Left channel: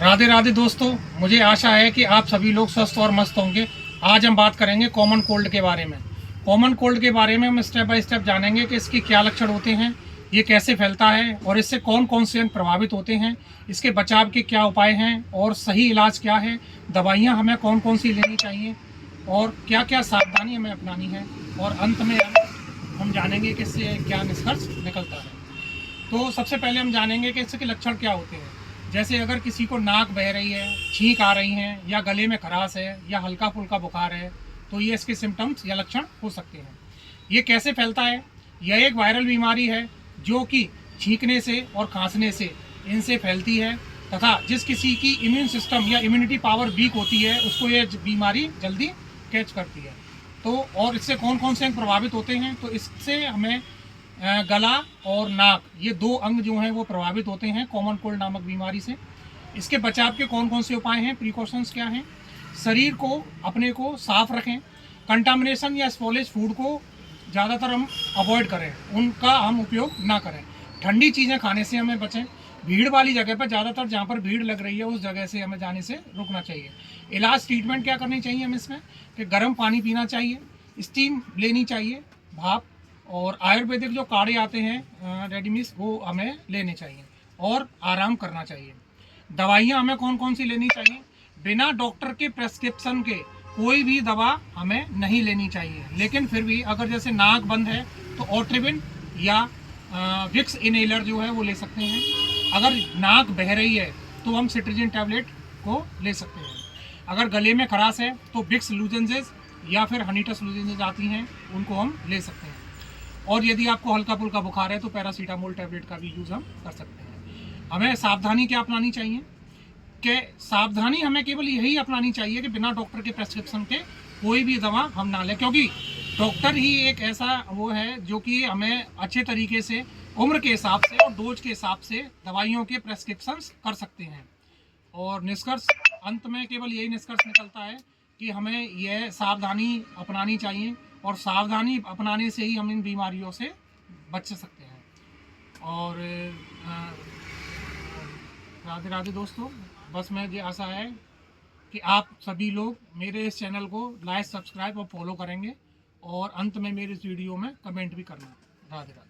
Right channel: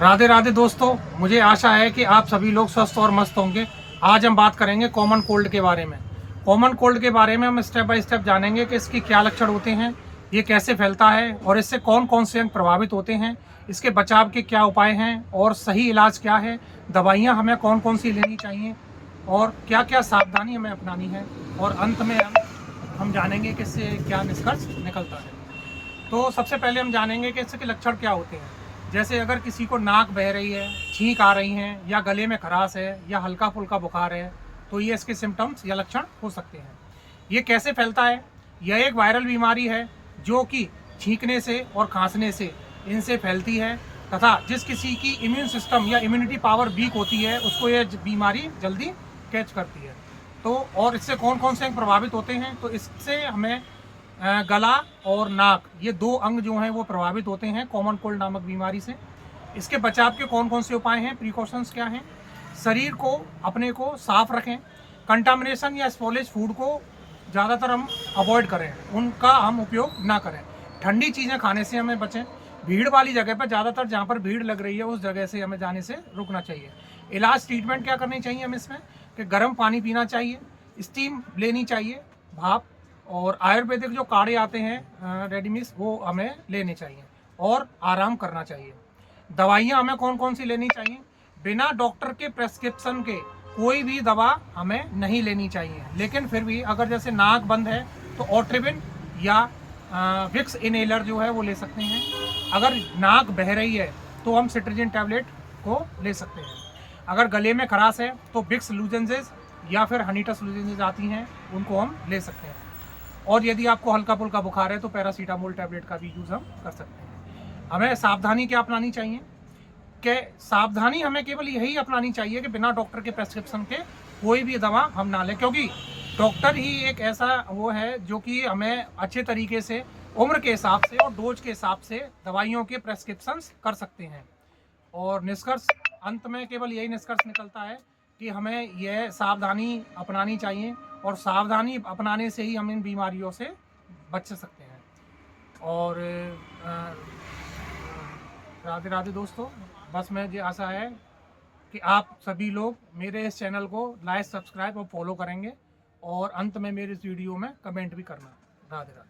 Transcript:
राधे राधे दोस्तों, मुझे आशा है कि आप सभी लोग स्वस्थ और मस्त होंगे। आज हम बात करेंगे कॉमन कोल्ड के बारे में। कॉमन कोल्ड के बारे में हम स्टेप बाय स्टेप जानेंगे कि इसकी क्या लक्षण होते हैं, ये कैसे फैलता है और इससे कौन कौन से अंग प्रभावित होते हैं, इसके बचाव के क्या उपाय हैं और सही इलाज क्या है, दवाइयाँ हमें कौन कौन सी लेनी चाहिए और क्या क्या सावधानी हमें अपनानी है, और अंत में हम जानेंगे कि इससे क्या निष्कर्ष निकलता है। तो सबसे पहले हम जानेंगे कि इसके लक्षण क्या होते हैं। जैसे अगर किसी को नाक बह रही है, छींक आ रही हैं, या गले में खराश है, या हल्का फुल्का बुखार है, तो ये इसके सिम्टम्स या लक्षण हो सकते हैं। ये कैसे फैलता है? यह एक वायरल बीमारी है जो कि छींकने से और खांसने से इनसे फैलती है, तथा जिस किसी की इम्यून सिस्टम या इम्यूनिटी पावर वीक होती है उसको यह बीमारी जल्दी कैच करती है। तो और इससे कौन कौन से अंग प्रभावित होते हैं? तो इससे हमें गला और नाक, ये दो अंग जो हैं वो प्रभावित होते हैं कॉमन कोल्ड नामक बीमारी से। इसके बचाव के कौन कौन से उपाय हैं, प्रिकॉशंस क्या हैं? शरीर को अपने को साफ रखें, कंटामिनेशन या स्पॉलेज फूड को ज़्यादातर हम अवॉइड करें, उनका हम उपयोग ना करें। ठंडी चीज़ें खाने से हमें बचें। भीड़ वाली जगह पर, ज़्यादातर जहाँ पर भीड़ लग रही है उस जगह से हमें जाने से रुकना चाहिए। इलाज ट्रीटमेंट क्या करनी चाहिए हमें इसमें कि गर्म पानी पीना चाहिए, स्टीम लेनी चाहिए, भाप, और आयुर्वेदिक जो काढ़े आते हैं रेडीमिक्स, वो हमें लेने चाहिए और आराम करना चाहिए। दवाइयाँ हमें कौन कौन सी लेनी चाहिए? बिना डॉक्टर के प्रेस्क्रिप्शन के कोई भी दवा हमें नहीं लेनी चाहिए, लेकिन फिर भी अगर जैसे नाक बंद है तो ओट्रिबिन या विक्स इनहेलर जो है वो ले सकते हैं। अगर नाक बह रही है तो हम सिट्रिजिन टैबलेट को ले सकते हैं। अगर गले में खराश है तो विक्स लूजेंसेस या फिर हनीटस लूजेंसेस आती हैं, उनको हम ले सकते हैं। और यदि आपको हल्का फुल्का बुखार है तो पैरासीटामोल टैबलेट का भी यूज़ हम कर सकते हैं। हमें सावधानी क्या अपनानी चाहिए? कि सावधानी हमें केवल यही अपनानी चाहिए कि बिना डॉक्टर के प्रेस्क्रिप्शन के कोई भी दवा हम ना लें, क्योंकि डॉक्टर ही एक ऐसा वो है जो कि हमें अच्छे तरीके से उम्र के हिसाब से और डोज के हिसाब से दवाइयों के प्रेस्क्रिप्शंस कर सकते हैं। और निष्कर्ष, अंत में केवल यही निष्कर्ष निकलता है कि हमें यह सावधानी अपनानी चाहिए, और सावधानी अपनाने से ही हम इन बीमारियों से बच सकते हैं। और राधे राधे दोस्तों, बस मुझे आशा है कि आप सभी लोग मेरे इस चैनल को लाइक, सब्सक्राइब और फॉलो करेंगे, और अंत में मेरे इस वीडियो में कमेंट भी करना। राधे राधे।